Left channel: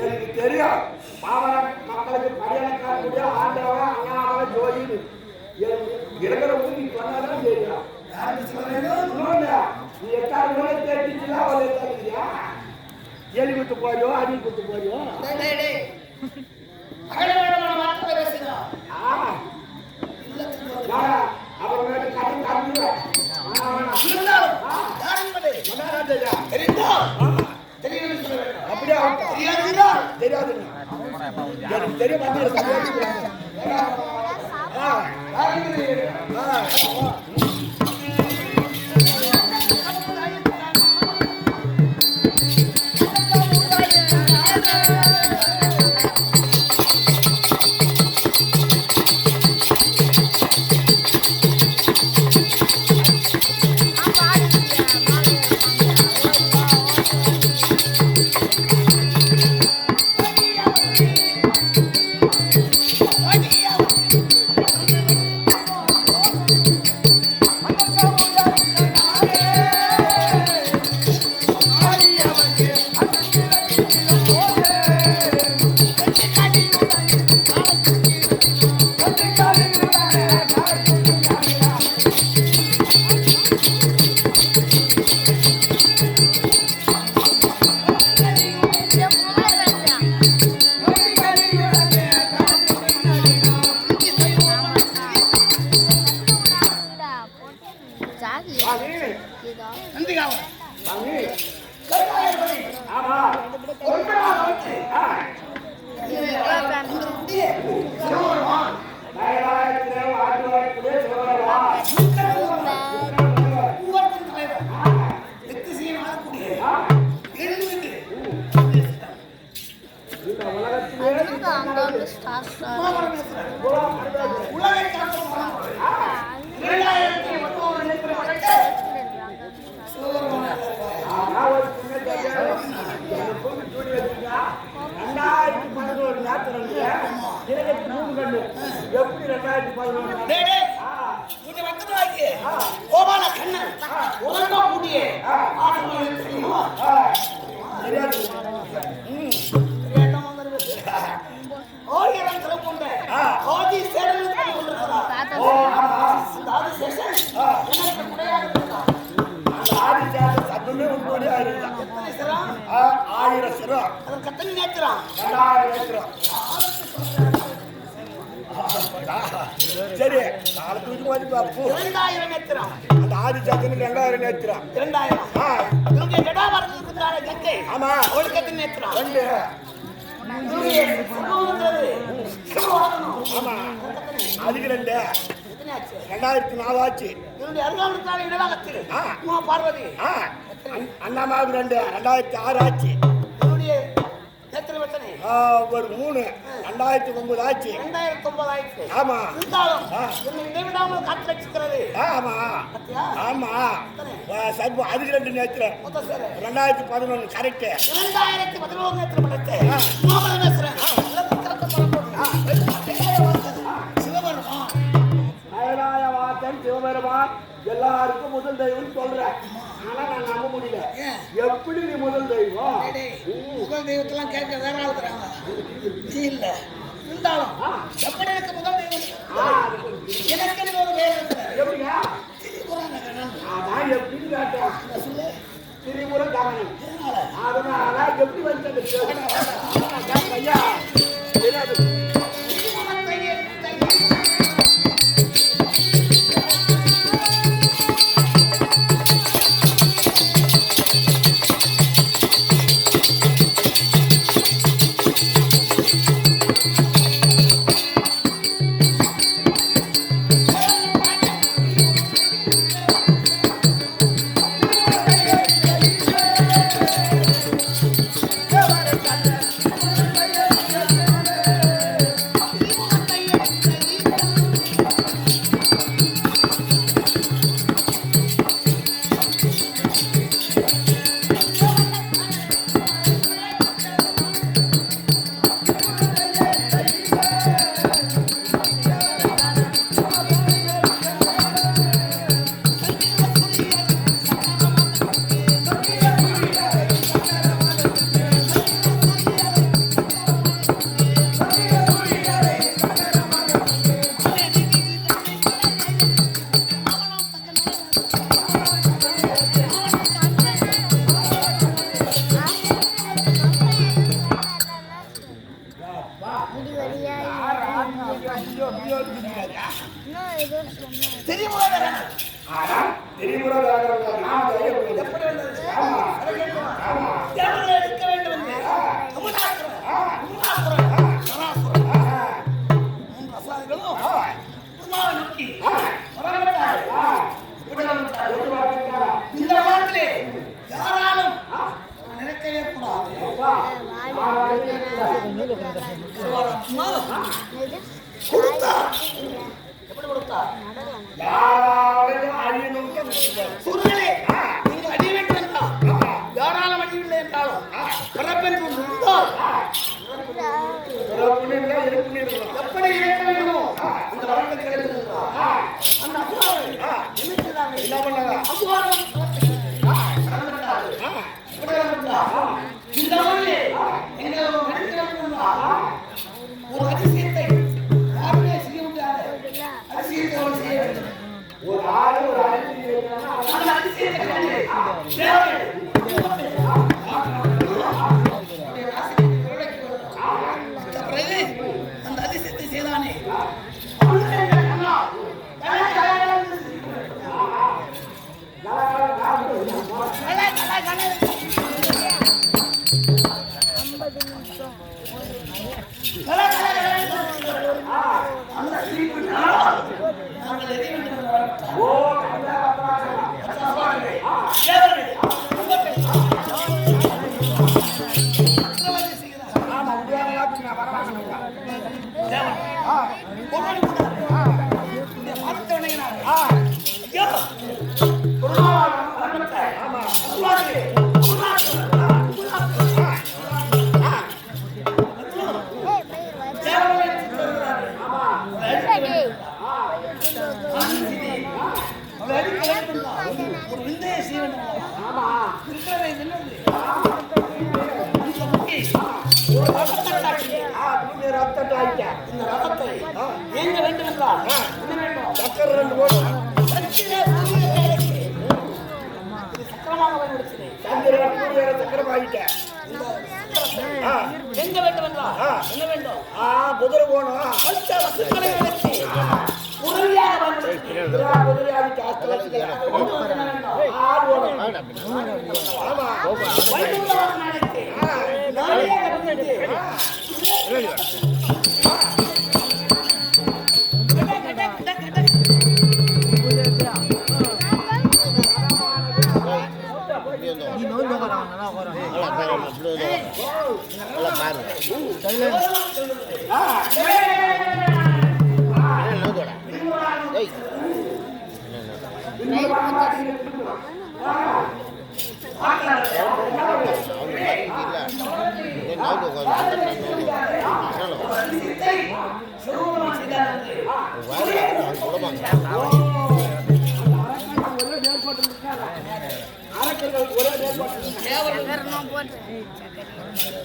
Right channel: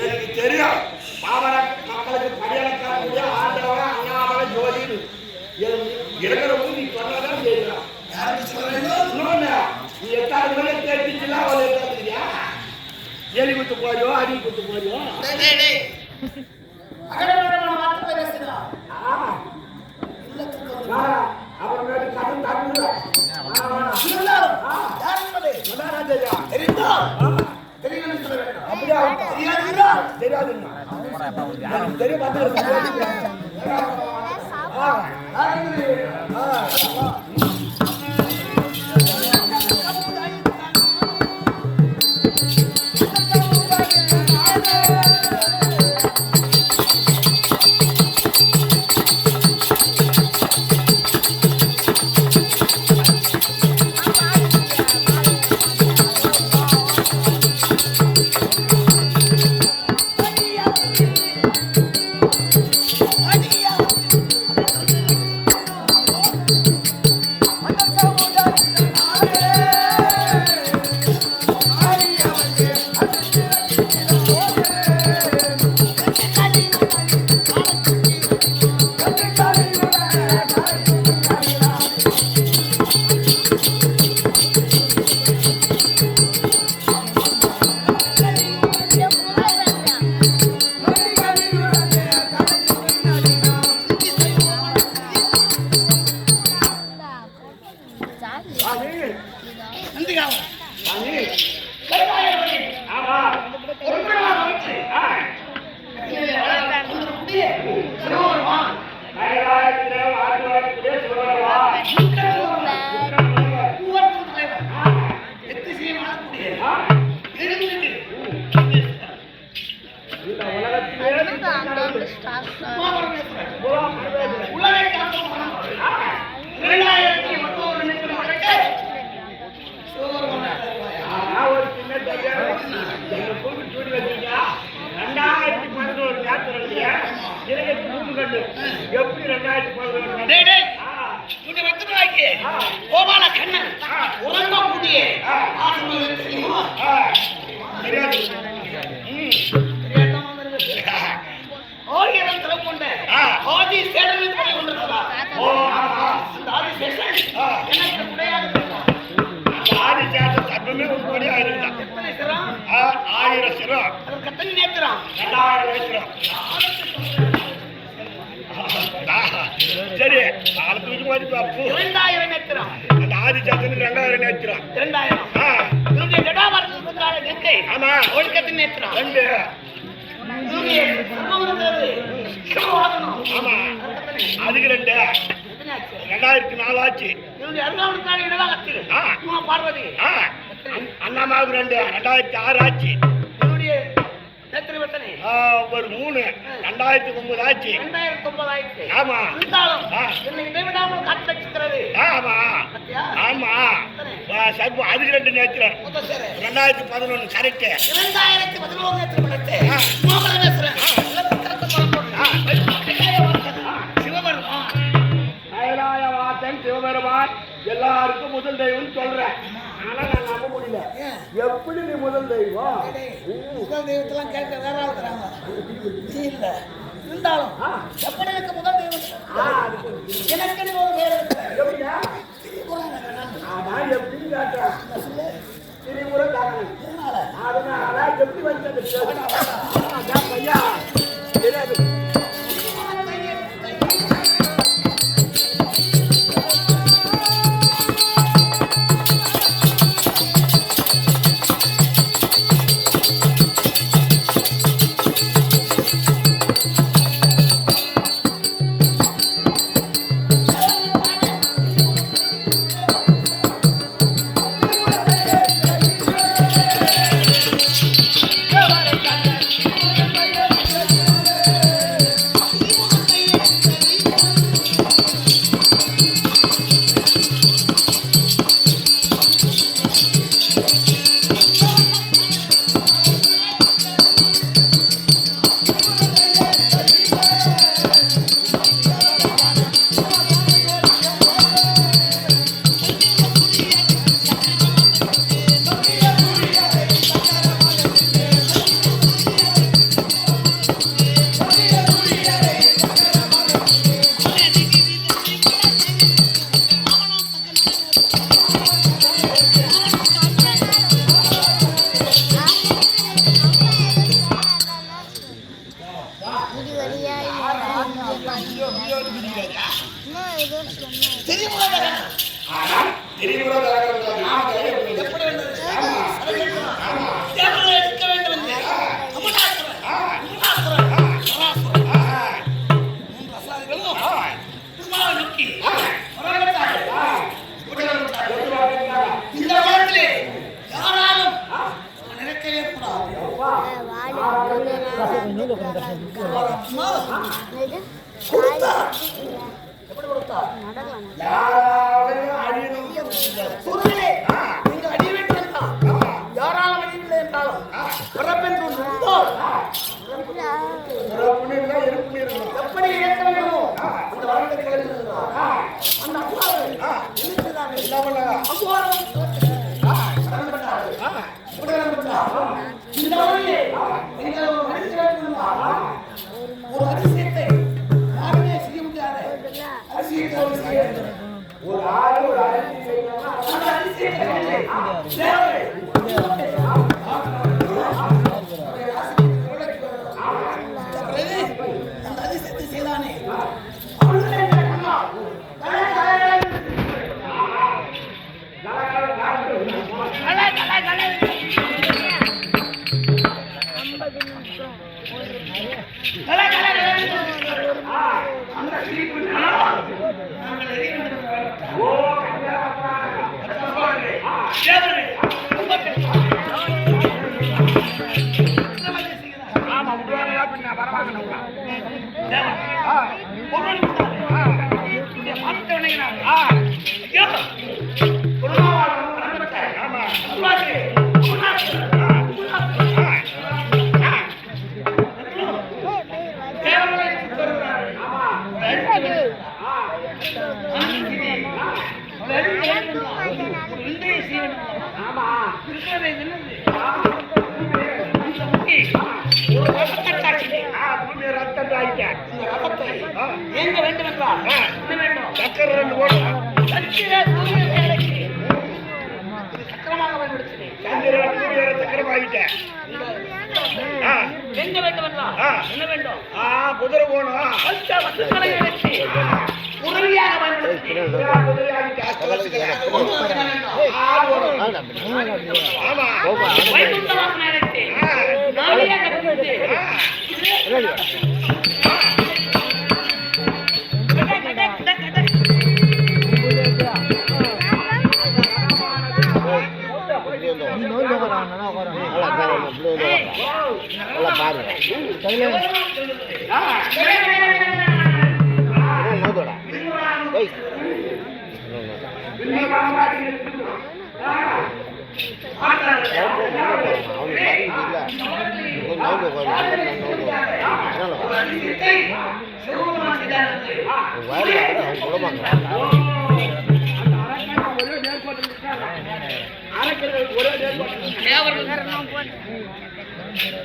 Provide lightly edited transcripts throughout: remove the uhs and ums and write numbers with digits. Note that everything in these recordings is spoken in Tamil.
எனக்கு தெரியும் பாமர மக்களுக்கு படியளக்கக்கூடிய ஆண்டவன் அண்ணாமலை ஜோதி இருக்கிறவங்க நீ சொன்னதான் தெரியும். நீ எட்டாவது மணி கேட்டுச்சுலாம் ஒரு எட்டாதுயா எலி குத்து போறியோ அடி குத்து போறியோ அப்புறமேட்டு கட்டம் தட்டுவேன் அப்படியே தெரியாதுங்க தெரிய வந்து ஒரு சின்ன 12 எப்படி 2011 டேய் டேய் உன்னை வைத்துறாக்கி கோபால கண்ணன் உரம்ப கூடிய ஆசமம் தெரியுமா தெரியாது தெரியாதவங்க வந்து ஓயிரம் தர கொண்ட ஆதி சேடன் மீது பண்ணி கொண்டிருக்கிறார் அந்த ஆதி சேஷன் எனக்கு குடையாக இருக்கிறார் அந்த ஆதி சேஷன் சர்வமே ஒரு கோடியா இருந்தா எத்தனை சிரம் 1000 சிரம் அதன் கத்தனை நேத்திரம் 2000 வைத்திரம் சரி கால தூக்கி மாதிரி பாப்பு 2000 நேத்திரம் அந்த ஆதி சேஷன் 2000 நேத்திரம் 2000 என்னுடைய ஜடாபாரத்துக்கு கொண்டாட கங்கை ஆமா ஒழுக்கத்தின் நேத்திரம் 2 சர்மம் இருக்கிறது ஆமா அதுக்கு 2 2004 ஆச்சு என்னுடைய அருகாமலுக்கான இடவாகத்தில் பார்வதி அண்ணாமாவுக்கு 2006 ஆச்சு என்னுடைய எத்தனை ஒரு 3 2009 ஆச்சு 2009 ஆயிடுச்சு ஆமா இருந்தாலும் என்னை இடைவிடாமல் காத்து வச்சுக்கிறது ஆமா ஆமா சர்வ அதுக்கு 2 நேத்திரம் 2011 கரெக்ட் 2011 நேத்திரம் படைத்து மோகனேஸ்வரன் சிவபெருமான் கைலாயவாசன் சிவபெருமான் எல்லாருக்கும் முதல் தெய்வம்னு சொல்றேன். ஆனா நான் நம்ப முடியல. எப்படி நீ முதல் தெய்வம்? முதல் தெய்வத்தெல்லாம் கேட்க வேற ஆள் தராங்க இல்ல. இருந்தாலும் எப்படி எனக்கு முதல் தெய்வம் எனக்கு ஒரு பேர் எப்படியா நான் எப்படி கேட்டேன் திரிபுர கமனன் அதனால எப்படி வந்தது பையா தெரியாது. எப்படி வந்தது எடுக்க வேண்டும் நோக்கி இந்த உலகத்திலே யாராலும் நினைக்கவே கூடாது. கொடுத்தார் எப்படி கொடுத்தார்? நீங்கள் அடிய வேண்டும் என்றால் யாராலும் அடியவில்லை என்றாலும் பிறப்பென்று இருந்தால் எப்படி இயக்க வேண்டுமோ அந்த வரத்தை கிடைத்திருந்தார். அந்த அசுராவை ஒரு அதிசயத்தை யாருமே செய்ய முடியாது. அதிசயத்தை செய்ய வேண்டும். ஒரு ஆளு ஒரு அதிசயத்தை அந்த அதிசயத்தை செய்தானே ஒரு விந்தையை செய்ய வேண்டும் அல்லவா? ஆமா இருக்கிறது இது என்னது? ஆ, இந்த முட்டி ஒரு ரத்தத்தை காட்டினேன். பூமி ரத்தத்தை ஆயிட்ட இந்த ரத்தத்தை ஏங்க வேண்டும் என்றால் என்ன வேண்டும்? சக்கரை 2 போடும் சத்திர சூரிய வேலைக்கு இது சக்கரமாக பயன்படுத்தினேன். சந்திர சூரிய சக்கரம் ஆயிட்ட இந்த சக்கரத்தை எங்க வேண்டும் என்றால் என்ன வேண்டும்? குதிரை போகணும் பஞ்ச வசுக்களை எடுத்து உதவியாக பயன்படுத்தினேன். குதிரை ஆகிட்ட அஷ்டவசுக்களை உங்களுக்கு என்ன வேண்டும்? ஆமா வைகுண்ட வாசனை எடுத்து நாடியாக பயன்படுத்தி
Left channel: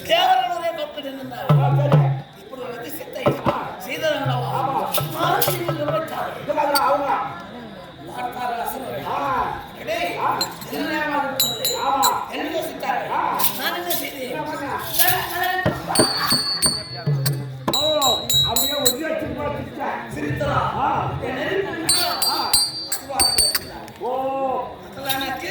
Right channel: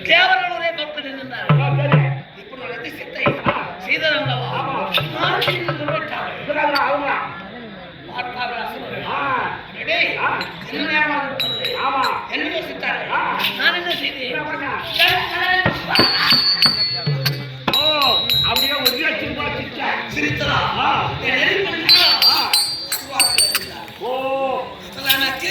தேவர்களுடைய கற்பனை இருந்தார். இப்படி வந்து சித்தை செய்ததல்லவா? என்ன யோசித்தார்? நான் என்ன செய்தேன்? அப்படியே ஒரு சிரித்ததா? ஓ எனக்கு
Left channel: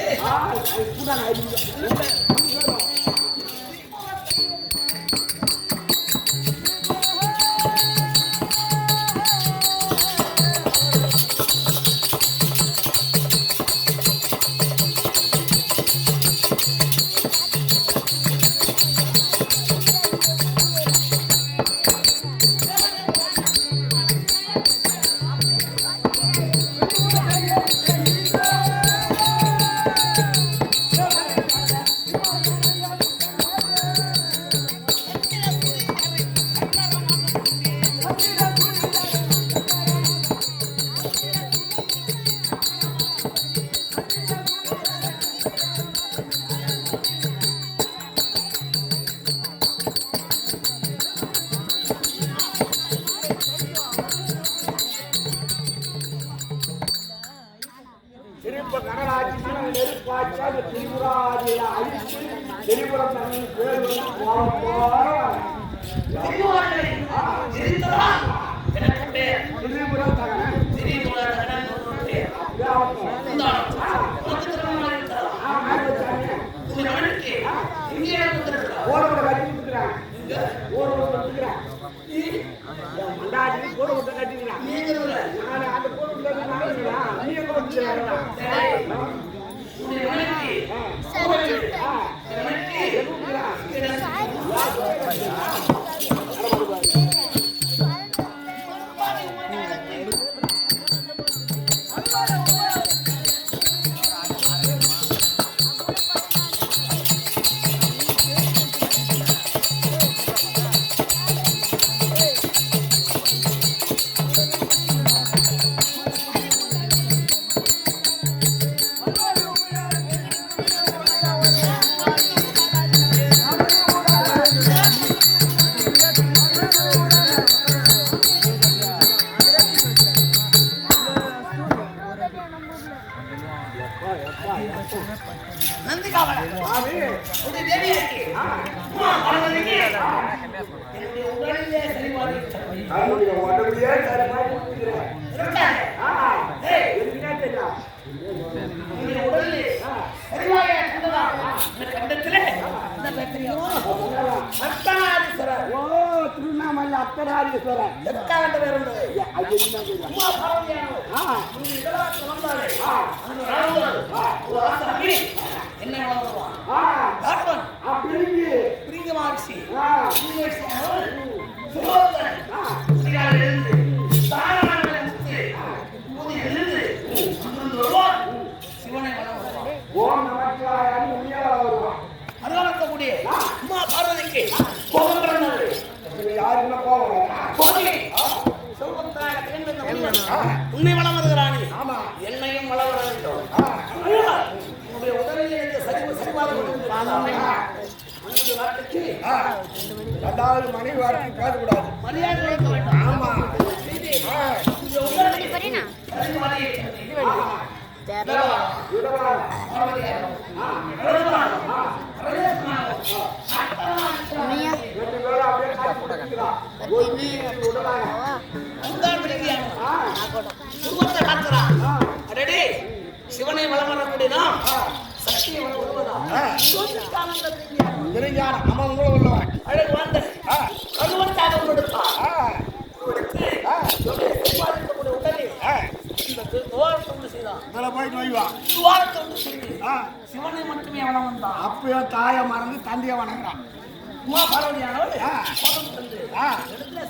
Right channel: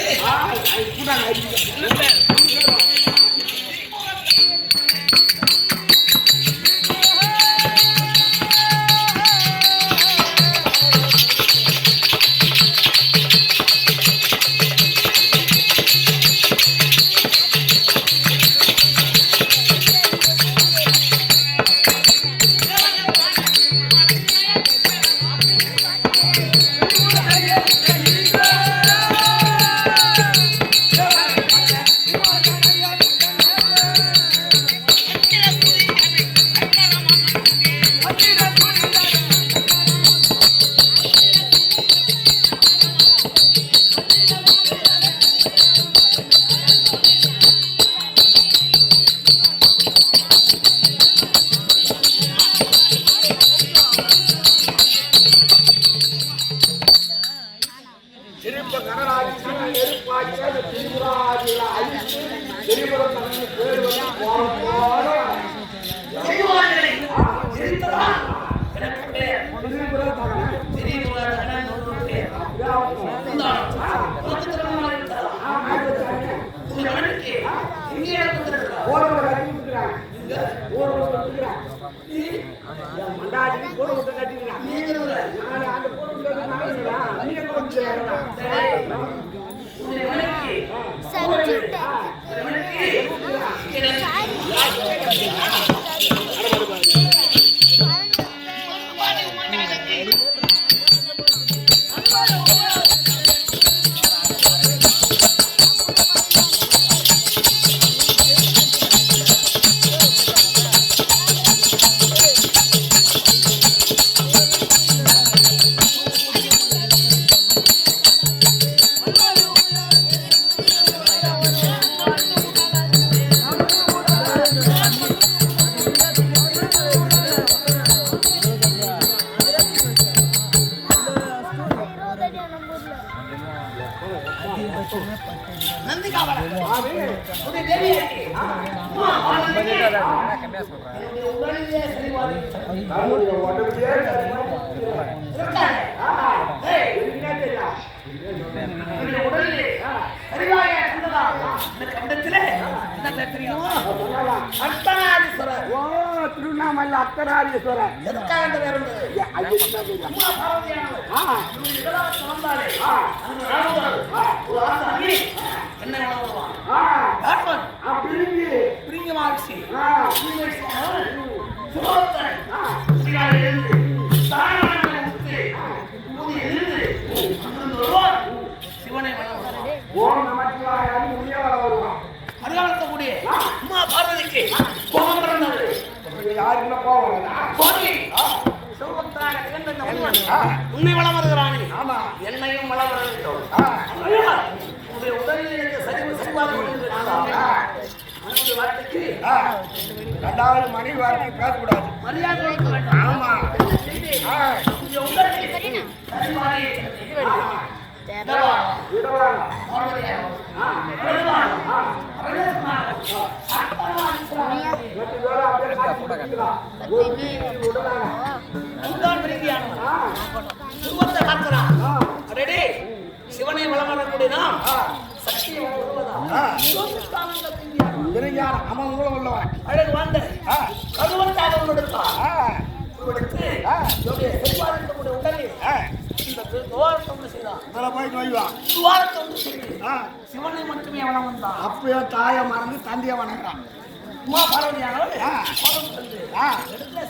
திருப்ப கடலாக்கி நெருப்பாக்கி அந்த திரிபுராதிகளை அழித்து திரிபுரம் தண்ணி பேர் திரிபுரம் தகன மண்டாடி கூட விட்டு கட்டிக்கிறான் நான் அந்த கூட நீ எங்க விட்டு திருவண்ணாமலை அர்த்தநாரீஸ்வரர் எதுக்காக இந்த பேர் இருந்தது? அம்மா பார்வதியானவர் இதெல்லாம் வந்தாலே அங்க நடந்தாரு ஒரு ஆசை அள்ளி என்ன வளருவான் பிரிங்க மார்சி சுலோத்தன் சிவனை வளம் வருவான். ஓம் நமச்சிவாயான்னு உண்மையா வள வருவான். அருகாமக்கூடிய அம்மா பார்வதிக்கு கோபம் பிறந்தது. யாருக்குமே கோபம் கோபி சிவபக்தர் மன்னனாக திகழ்ந்த இந்த முனிவன் உன்னை வளம் வருகிறானே. ஆமா. என்னையும் வளம் வர வேண்டும். உன்னுடைய உடலில் எனக்கு சரிவாக மனித வார்த்தைக்கு ரெண்டாவது மனைவி வார்த்தை பேசக்கூடாது. மரியாதை கொடுக்க வேண்டும். ஆமா. உன்னுடைய உடலுக்கு சரிவாக இடவாங்க. ரெண்டு பேரும் அப்படியே காட்சி கொடுத்துக்கலாம். விடலாங்க. உருவத்தை பார்க்கிறான். ரெடி சிவனை வளம் வரக்கூடிய நாம் சக்தியை வளம் வருவதாம். தெரிஞ்சான அவன் உங்களை உள்ளவன். அழகு வாழ்ந்த கருவத்தாக உருவெடுத்தான். செவ்வாய்க்கக்கூடிய உடலில் இந்த துவாரத்தை ஒன்று செய்தான். துவாரத்தை ஒன்று செய்து சிவனை மட்டுமே வளம் வந்தான். அப்பயோ தாயை மறந்து தந்தையை வணங்குறான். உமா பார்வதியானவள் கோபம் தந்து இடத்துல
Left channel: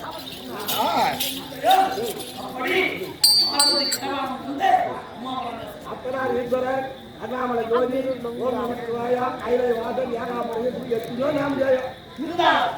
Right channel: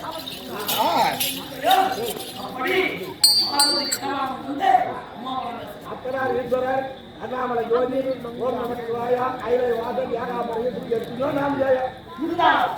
அப்படி அத்தனார் ஈஸ்வரர் அண்ணாமலை ஜோதி ஓம் நம சிவாயா கைலை வாசன் யாகாபுரம் எத்தனையோ நாம் ஜெயம் இருந்தாலும்